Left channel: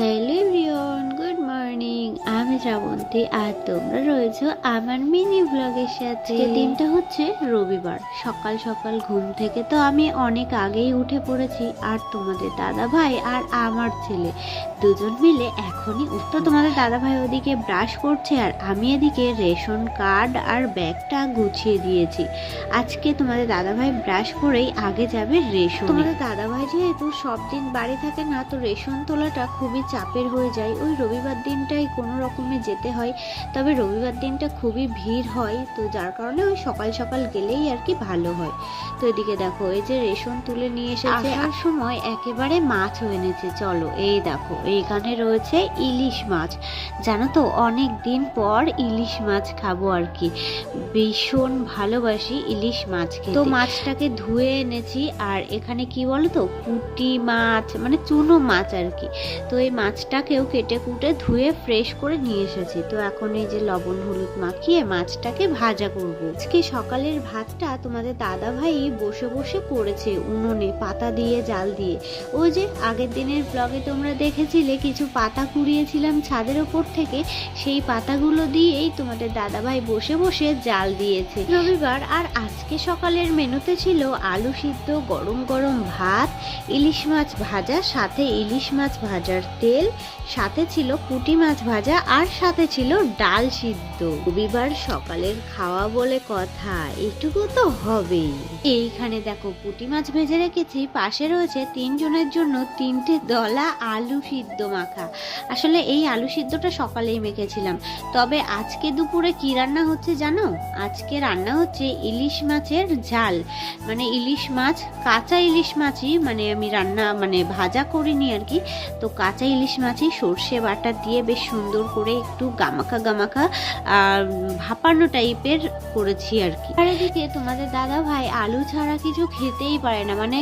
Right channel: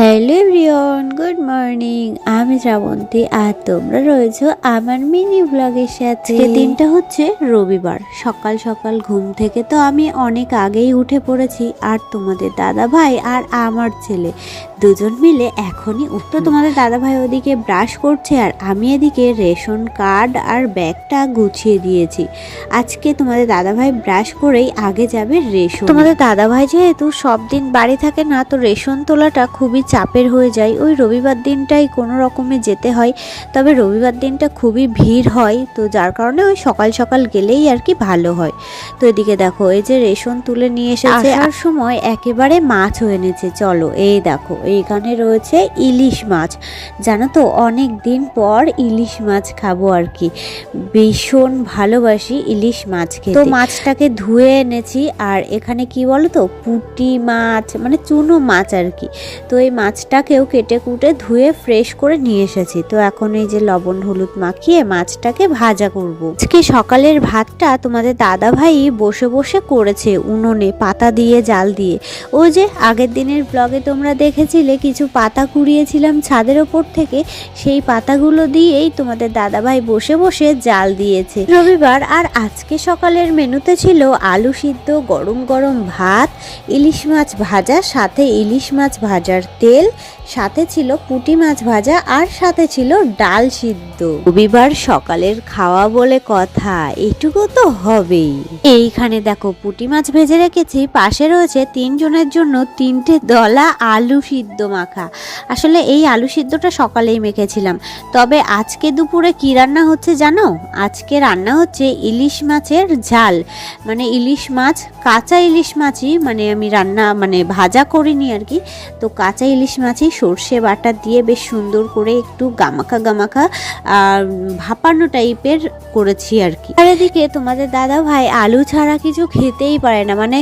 Hello everyone, good morning. আমি শ্রাবন্তী আর তোমরা রয়েছো আমার মিনি ব্লগের সাথে। দিনটা হচ্ছে রবিবার। সকাল সকাল ঘুম থেকে তো আমি অনেক আগেই উঠে পড়েছি, আর তোমাদের দাদা ভাই আর আমার ছেলে। দুজন মিলে এখনই উঠতো তোমাদের দাদা ভাই ওদিকে ব্রাশ করছে আর আমি এদিকে রেশন কার্ড আর ব্যাগটা গুছিয়ে দিয়েছি। আজকে তোমাদের দাদা ভাই ব্রাশ করেই আগে যাবে রেশন। তোমাদের দাদা ভাই যেহেতু সব দিন বাড়ি থাকে না তো রেশন তোলাটা খুবই চাপের হয়ে যায়। ওই রবিবার দিনটাই কোনো রকমে যেতে হয় তবে রবিবার দিনটা খুবই ভিড় হয় তো যার কারণে ওই সকাল সকাল গেলেই আর কি ভালো হয়। তো এদিকে দেখো এই যে রেশন তুলে নিয়ে এসেছে আসার সময় একেবারে মাছ হয়ে এনেছে। চলো এই দেখো এইখানে রয়েছে ইলিশ মাছ। জানো তো, অনেক দিন পর ইলিশ মাছ খাব আর কি। ভীষণ ভালোবাসি ইলিশ মাছ খেতে। তো মাছটাকে ধুয়ে এনেছি, আর এখানে কি বলো তো পুঁটি মাছ মানে চুনো মাছ আর কি। তো এই মাছটাকেও কেটে কুটে ধুয়ে ফ্রেশ করে নিয়ে এসেছি। তো এখন এই যে লবণ হলুদ মাখিয়ে মাছটাকে ভাজা করব। আজকে সকালের ভাতটা তোমাদের দাদা ভাই বসে বসে করেছে উনুনে, পাতা দিয়ে, জাল দিয়ে। ওই যে আগের দিনের ব্লগে তোমরা দেখেছিলে কিছু পাতা কুড়িয়েছিলাম ছাদের ওপর থেকে, সেই পাতাগুলো দিয়েই তোমাদের দাদাভাই বসে বসে জাল দিয়েছে। রবিবার আর আজকে সকালের মেনুতে ছিল আলু সিদ্ধ, গরম গরম ভাত, ইলিশ মাছ ভাজা, সাথে ইলিশ মাছ ভাজার তেল, সাথে ছিল পুঁটি মাছ ভাজা আর সাথে ছিল ডাল সিদ্ধ। রবিবার সকালের খাওয়া বলে কথা, এটুকু তো হবেই। এইখানে দেখো পুঁটি মাছ ভেজে রেখেছি, পাশে রয়েছে তিনজনের জন্য তিনটে দলা আলু সিদ্ধ। মাখা। আসলে এই আলু সিদ্ধটা সকালেই মেখেছিলাম। তবে আজকে দুপুরে কি রান্না হচ্ছে জানো? আজকে রান্না হচ্ছে ইলিশ মাছের ঝাল। মানে ইলিশ মাছ, কাঁচা ইলিশ মাছই মানে আমি রান্না মানে ভাজা করিনি আর কি। তো কাঁচা ইলিশ মাছই সর্ষে বাটা দিয়ে বেশ সুন্দর করে একটু গামাখা গামাখা ভাপানো টাইপের করেছি আর কি। আর এদিকে তোমাদের দাদা ভাই আলু ছাড়া কিছু খেতেই পারে না। মানে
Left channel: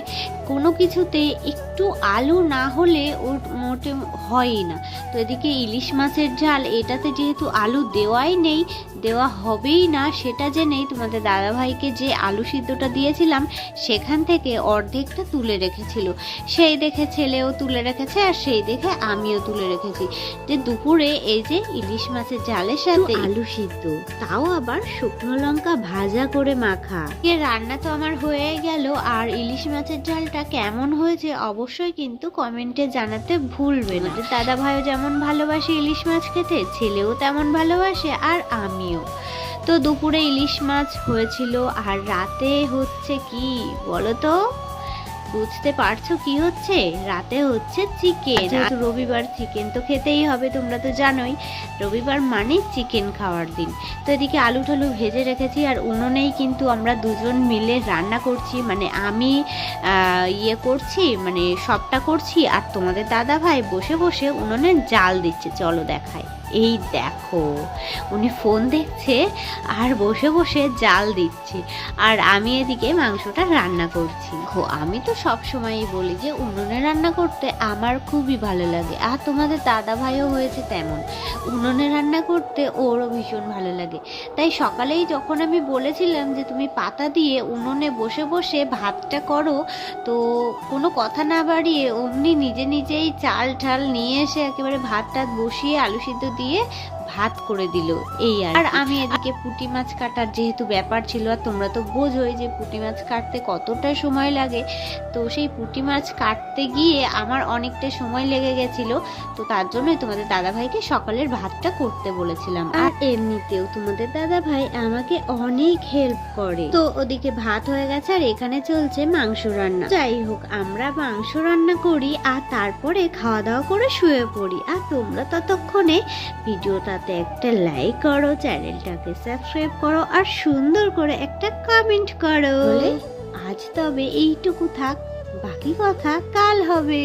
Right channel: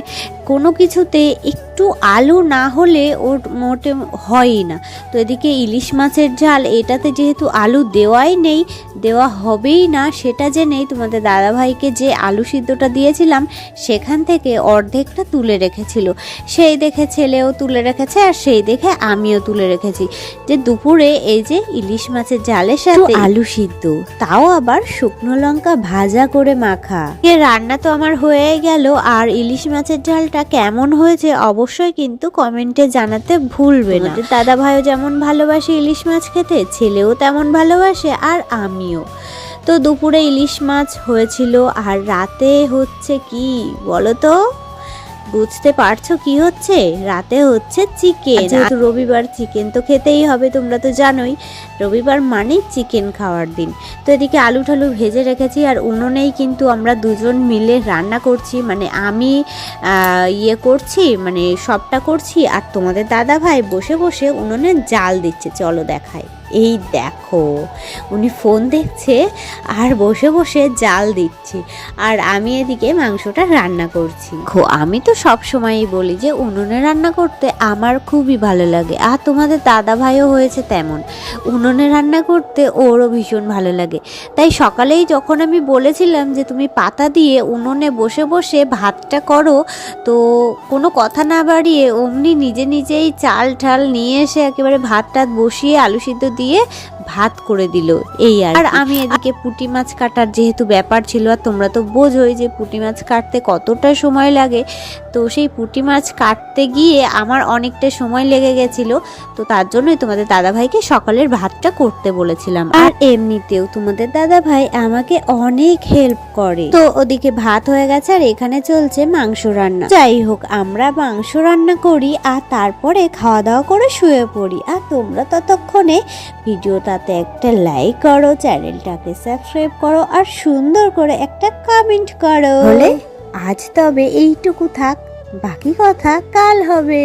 কোনো কিছুতে একটু আলু না হলে ওর মোটে হয়ই না। তো এদিকে ইলিশ মাছের ঝাল এটাতে যেহেতু আলু দেওয়াই নেই দেওয়া হবেই না সেটা যে নেই তোমাদের দাদা ভাইকে যে আলু সিদ্ধটা দিয়েছিলাম সেখান থেকে অর্ধেকটা তুলে রেখেছিল। সেই দেখে ছেলেও তুলে রেখেছে আর সেই দেখে আমিও তুলে রেখেছি। যে দুপুরে এই যে ইলিশ মাছের জালের সাথে আলু সিদ্ধ। তাও আবার শুকনো লঙ্কা ভাজা করে মাখা। এ রান্না তো আমার হয়ে গেল আর ইলিশ মাছের ঝালটা কেমন হয়েছে অবশ্যই কিন্তু কমেন্টে জানাতে ভুলবে না। দাদা ভাইও যেমন ভালোবাসে ইলিশ মাছ খেতে, ছেলেও তেমন ভালোবাসে আর আমিও। তো দুপুরে ইলিশ মাছ হয়েছিল আর রাতে হচ্ছে কি বলো তো বুঝতে পারছ কি হচ্ছে? রাতে হচ্ছে চিকেন যেহেতু রবিবার চিকেন তো খেতেই হবে তোমরা তো জানোই। রবিবার মানে চিকেন খাওয়ার দিন। তো এদিকে আলু ঠালু ভেজে রেখেছি আর উনুনেই কিন্তু আমরা দুজন মিলে রান্না করছি। মানে আমি ইয়ে করছি মানে সবটা করছি আর তোমাদের দাদা ভাই বসে বসে উনুনে জাল দিচ্ছে। চলো দেখাই। এই দেখো, উনি ফোন দেখছে আর বসে বসে জাল দিচ্ছে। আর আমি এদিকে মাংসটা রান্না করছি। আমি তো সব সময়ই বলি যে উনুনে রান্না করতে আমার খুবই ভালো লাগে। আর তোমাদের দাদা ভাইও হয়েছে তেমন। উনুনে রান্না করতে ওরও ভীষণ ভালো লাগে। তাই সকালেই যখন আমি বলেছিলাম যে তুমি পাতা দিয়ে উনুনে বসে বসে ভাতটা করো, তো কোনো কথা না বাড়িয়ে অমনি নিজে নিজেই চাল ঠাল নিয়ে এসে একেবারে ভাত টাত বসিয়ে আলু সিদ্ধ দিয়ে ভাত করে দিল। এই আর আমি এদিকে পুঁটি মাছ কাটার যেহেতু ব্যাপার ছিল আর তোমরা তো বোঝোই যে পুঁটি মাছ কাটতে কতটা সময় লাগে। তো সেই পুঁটি মাছ কাটতে গিয়ে আমার অনেকটা সময় লেগে গেছিল। তো তার জন্যই তোমাদের দাদা ভাইকে সকালের ভাতটা করতে বলেছিলাম। আর এমনিতেও তোমাদের দাদা ভাই আমাকে অনেক হেল্প করে। তো ওদিকে ভাত হয়ে গেছে আর এখানে চলছে মাংস রান্না। যাই হোক আমরা মাংস রান্না করি আর তারপরে খাওয়া দাওয়া করে শুয়ে পড়ি। আর তোমরা ততক্ষণে ভিডিওটাতে একটা লাইক করো চ্যানেলটাকে সাবস্ক্রাইব করো, আর সুন্দর করে একটা কমেন্ট করো। আজ তবে এইটুকু থাক, বাকি কথা কাল হবে।